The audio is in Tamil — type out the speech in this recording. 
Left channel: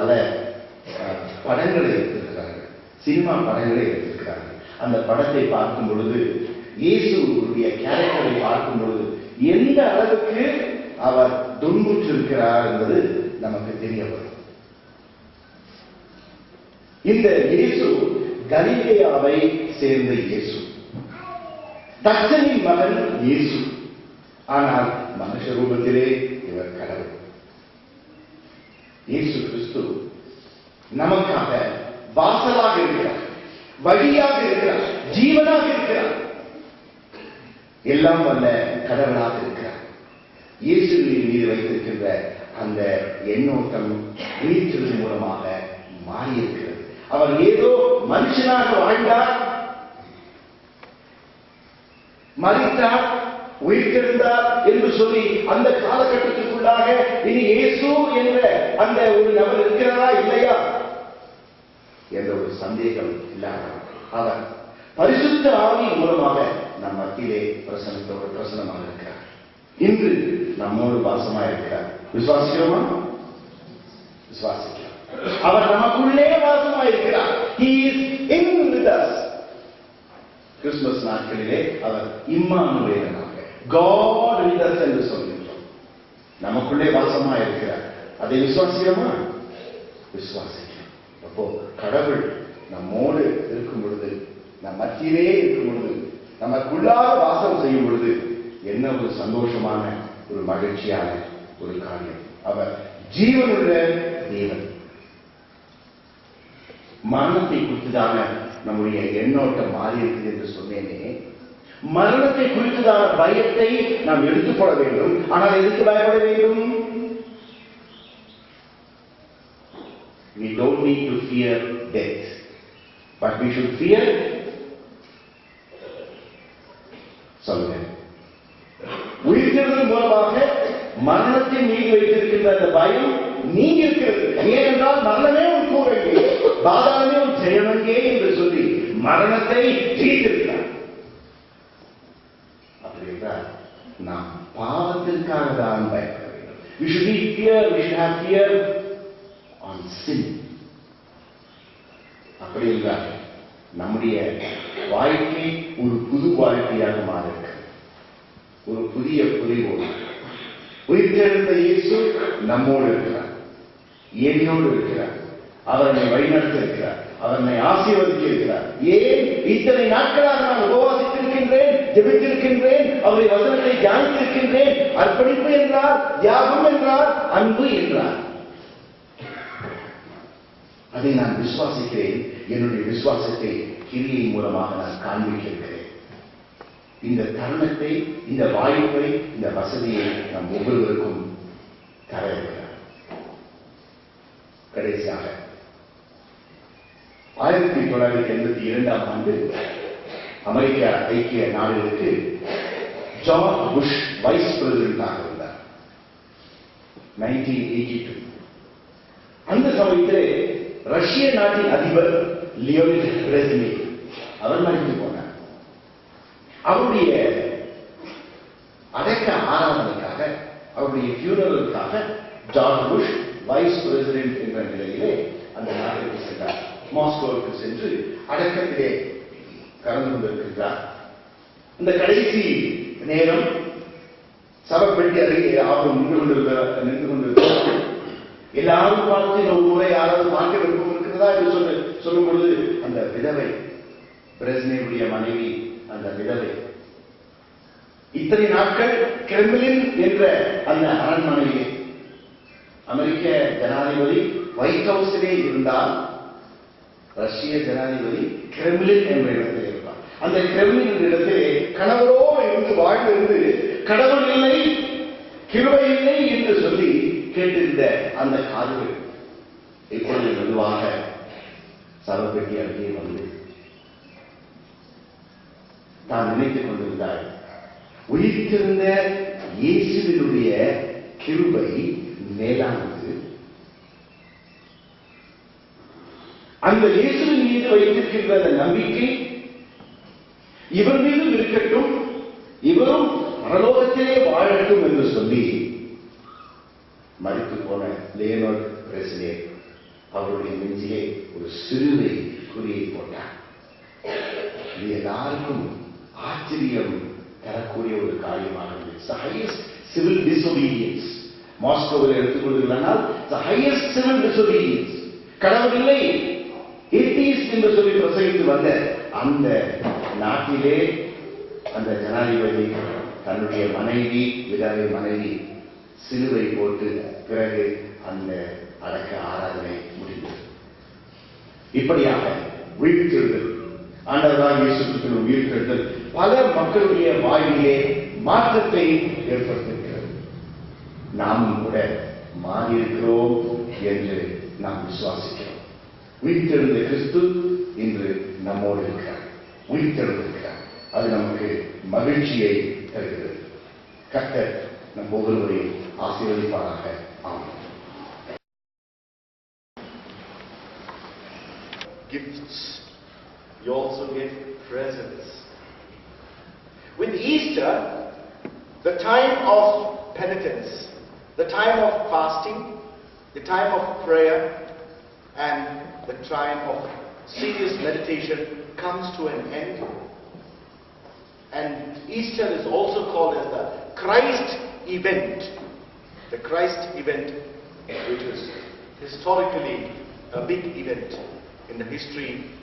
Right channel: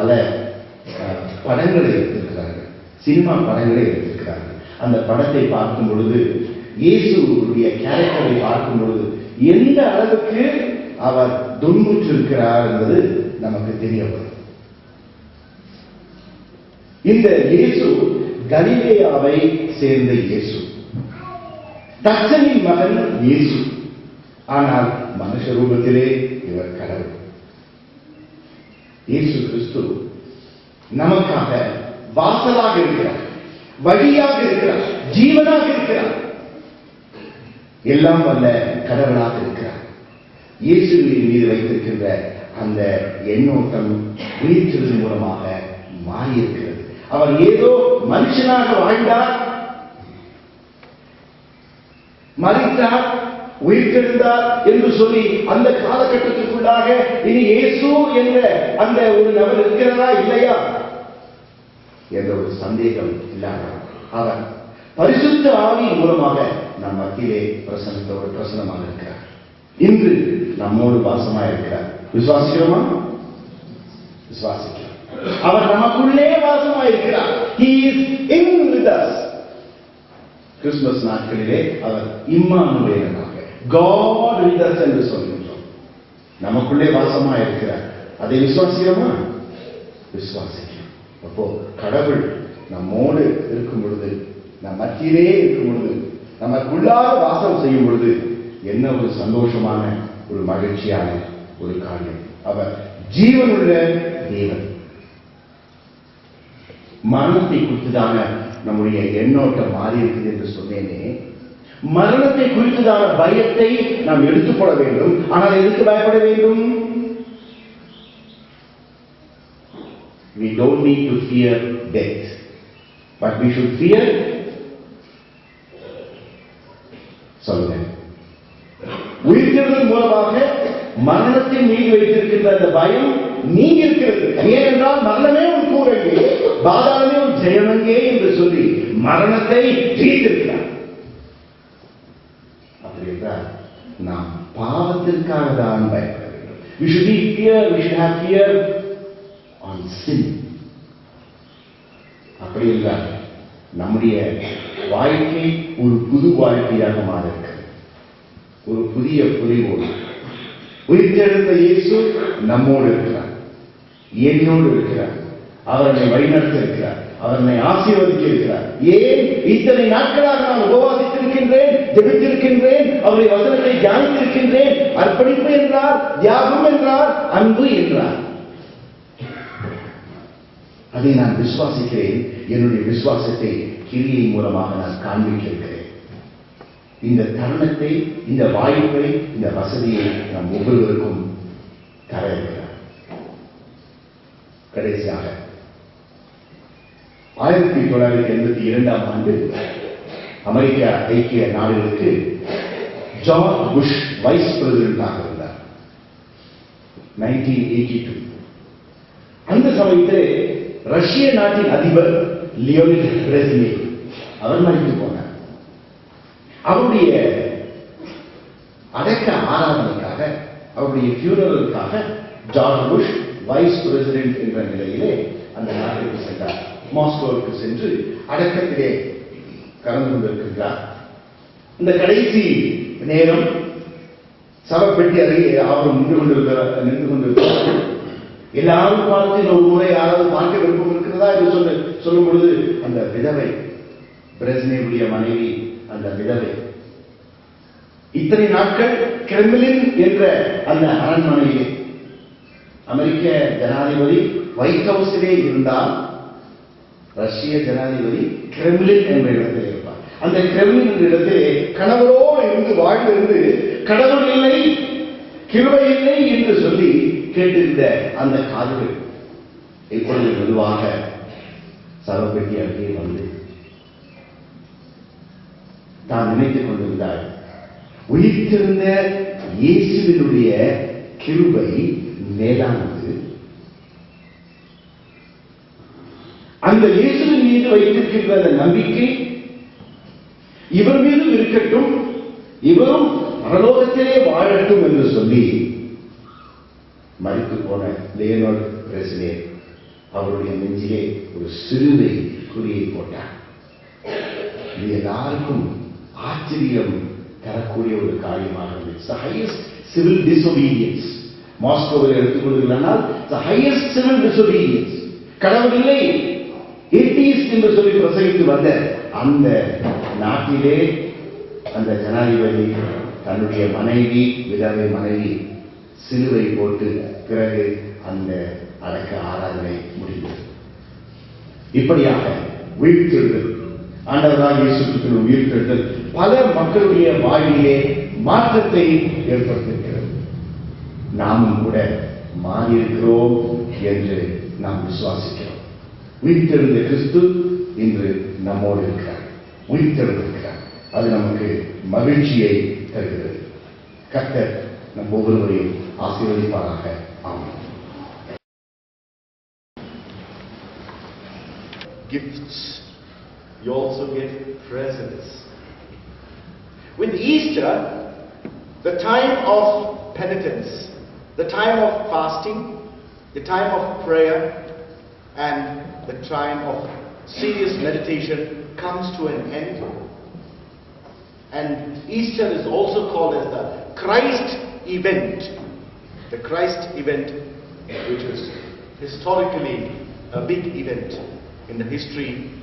பல படங்களை எடுத்திருக்கிறார்கள், சினிமா படங்களை எடுத்திருக்கிறார்கள். அந்த படத்தை பார்க்கும் பொழுது, இயேசுடைய கேரக்டரை பார்க்கும் பொழுது எந்த அளவுக்கு அவர் துன்புற்றிருக்கிறார் என்பது நமக்கு தெரிய வரும். இந்த இயேசு கலிலேயாவை சேர்ந்த இயேசு, தச்சனின் மகன் இயேசு. ஆனால் மனுஷ ரூபத்திலே இவர் கடவுள். இயேசு கிறிஸ்து நமக்காக வாசலாக இருக்கிறார், வழியாக இருக்கிறார், ஜீவனாக இருக்கிறார், எல்லாம் வல்ல கடவுளாக இருக்கிறார். இயேசுவின் மீது வைத்திருக்கின்ற அந்த எண்ணோட்டம் உயிர்த்தெழுதல் மூலமாக மாறியிருக்கிறது. அவர் ஏதோ மனுஷனாக வாழ்ந்தார், மரித்தார், உயிர்த்தெழுந்தார் என்று சொல்லி அந்த காலகட்டத்திற்குள்ளாக இனி இயேசு என்ற அந்த ஒரு நபர் இருக்கிறதா இல்லையா என்ற ஒரு சந்தேகம் இல்லாத அவர் பரிசுத்த ஆவி மூலமாக நம் மத்தியிலே பிரசனமாக இருக்கிறார். இன்று நம்மோடு வாசமாக இருக்கிறார். விசுவாசிக்கிறோமா? விசுவாசிக்கிறோம். அவர் நமக்குள்ளே வாசமாக இருக்கிறார். He is in with us. Christmas நாட்களிலே அவர் இம்மானுவேலனாக God with us என்று சொல்கின்றோம். நமக்குள்ளே வாசமாக இருக்கிறார். அதை விசுவாசிக்கிறோமா? விசுவாசிக்கிறோம். அப்போ கடவுள் நம்மோடு இருக்கும் பொழுது, நம் மத்தியிலே இருக்கும் பொழுது, நமக்குள்ளாக வாசம் செய்யும் பொழுது என்ன ஒரு சந்தோஷமான, ஒரு மகிழ்ச்சியான ஒரு காரியம். அவர் ஜீவனுள்ள தேவன். மரணத்தை குறித்துதான நம்முடைய எண்ணோட்டம் மாறி இருக்குது என்று சொன்னேனே. மரணத்தை குறித்துதான பயத்தை நாம் எடுத்துக்கொள்ள வேண்டும். ஆனால் எதுக்கு பயப்பட வேண்டும்? We don't need to fear death, but we should fear சொல்லுங்க, உயிர்த்தெழுதல் மூலமாக மரணத்தின் மீது வைத்திருக்கின்ற அந்த பயம் நீங்கி இருக்கிறது. ஏனென்றால் மரணமே ஒரு கூறங்கே, பாதாளமே ஒரு ஜெயமங்கே என்று சொல்லி மரணத்தை ஜெயித்திருக்கிறார். அப்படி என்றால் நாம் பாவத்திற்காக தான் பயப்பட வேண்டும். We should be fear, we should have fear on sin. அப்படி என்றால் நம்முடைய வாழ்க்கை ஒரு புது வாழ்க்கையாக மாற இருக்கிறது. ஒரு புதிய புரிவோடு உயிர்த்தெழுந்த இயேசு நம்மோடு இருக்கிறார், என்னோடு இருக்கிறார். அவரை வழிநடத்த இருக்கிறார், அவரை ஆசீர்வதிக்க இருக்கிறார். ஏன் இத்தனை நாட்களாக நான் உபவாசித்திருக்கின்றேன், ஜெபித்திருக்கின்றேன், அவருடைய வசனத்தை தியானித்திருக்கின்றேன். அர்ப்பணிப்பு என்றார், தியாகம் என்றார், அன்பு என்றார். அதை நான் விசுவாசிக்கிறேன். என்னுடைய விசுவாசத்தை கிரியை மூலமாக நான் காண்பிக்கிறேன். இந்த தருணத்தை, இந்த வாய்ப்பை, இந்த வசதியை நாம் ஒவ்வொருவருக்கும் தர இருக்கிறார். கடைசியாக 1982 ஆண்டு அமெரிக்க ஐக்கிய நாடுகளுக்கு ஜார்ஜ் புஷ் வைஸ் பிரசிடென்டாக இருந்தார். 1982 அந்த சமயத்திலே ரஷ்ய நாட்டின் அதிபர் லியோனிட் பிரெஸ்னேவ் அவர் மரித்து போனார். அவருடைய அடக்க ஆராதனைக்காக, அவருடைய ஃபியூனரலுக்காக ஜார்ஜ் புஷ் வைஸ் பிரசிடென்ட் என்ற நிலையிலே அந்த நாட்டிற்கு சென்றார். மாஸ்கோவுக்கு சென்று அடக்கத்திலே கலந்து கொண்டிருக்கின்றார். இந்த கடைசி நேரம் சவப்பெட்டி அருகே அவர் நின்று கொண்டிருக்கிறார். எல்லாரும் பார்த்து ஒரு முறை யாராவது பார்க்க விருப்பம் இருக்கிறதா என்று சொல்லும் பொழுது அந்த விதவை, பிரெஸ்னேவுடைய மனைவி, அந்த விதவை இத்தனை நாட்கள் கிரெம்ளின் என்ற அந்த அரண்மனையிலே அமெரிக்க ஜனாதிபதி ஒயிட் ஹவுஸிலே இருந்தால், ரஷ்ய ஜனாதிபதி கிரெம்ளின் என்ற இடத்திலே இருப்பார். அந்த கிரெம்ளின் என்ற இடத்திலே கணவரோடு இருந்து வாழ்ந்திருந்து கடவுள் இல்லை, கிருபை இல்லை என்று சொல்லி கேட்டிருந்த அந்த காதுகள் இப்பொழுது மெதுவாக சவப்பெட்டி அருகே வந்து தான் நினைத்துக் கொண்டிருந்தார், உயிர்த்திருந்த இயேசுவினுடைய கிருபை மேலானது. அந்த இயேசுவின் மீது வைத்திருக்கின்ற அந்த நம்பிக்கை இவர் மீதும் இருக்கட்டும், இவரும் பரலோகத்திலே வாழட்டும் என்று சொல்லி மரித்து போன லியோனிட் பிரெஸ்னேவ் அவருடைய நெஞ்சிலே ஒரு சிலுவை குறியை போட்டார். இது எல்லாருக்கும் ஆச்சரியம் தரக்கூடிய ஒரு காரியமாக இருந்துச்சு. Highest civil disobedience. மாஸ்கோவில் எடுத்துக்கொள்கிறானால் ஹையஸ்ட் சிவில் டிசோபீடியன்ஸ். கடவுள் இல்லை, ஏத்தியிஸ்ட் என்று சொல்லி பிரசங்கித்து வந்த அந்த நாட்டிலே அந்த ஜனாதிபதி தன்னுடைய மனைவி, விதவை மனைவி சிலுவை போட்டு பிறகு அந்த அடக்க ஆராதனை முடிந்தது. இப்படியாக உயிர்த்தெழுதல், ஆண்டவராகிய இயேசு கிறிஸ்துவின் உயிர்த்தெழுதல் பல மக்களுடைய வாழ்விலே மாற்றத்தை ஏற்படுத்தியிருக்கிறது. நாமும் கூட மாறியிருக்கிறோம் என்று நாம் விசுவாசிக்கிறோம். உயிர்த்தெழுந்த கிறிஸ்து இன்று நம்மோடு இருக்கிறார், உயிர்த்தெழுந்திருக்கிறார். அது நமக்கு மகிழ்ச்சியை தருகிறது. கர்த்தர் நம் ஒவ்வொருவரையும் ஆசீர்வதிப்பாராக. ஆமென். Gifts. You also get presents. With Easter, the time of penitence, the time of fasting, the time of prayer, and the time of serious meditation comes to an end. And Easter is also called as the Christ event. The Christ event, which is historically a big event in the history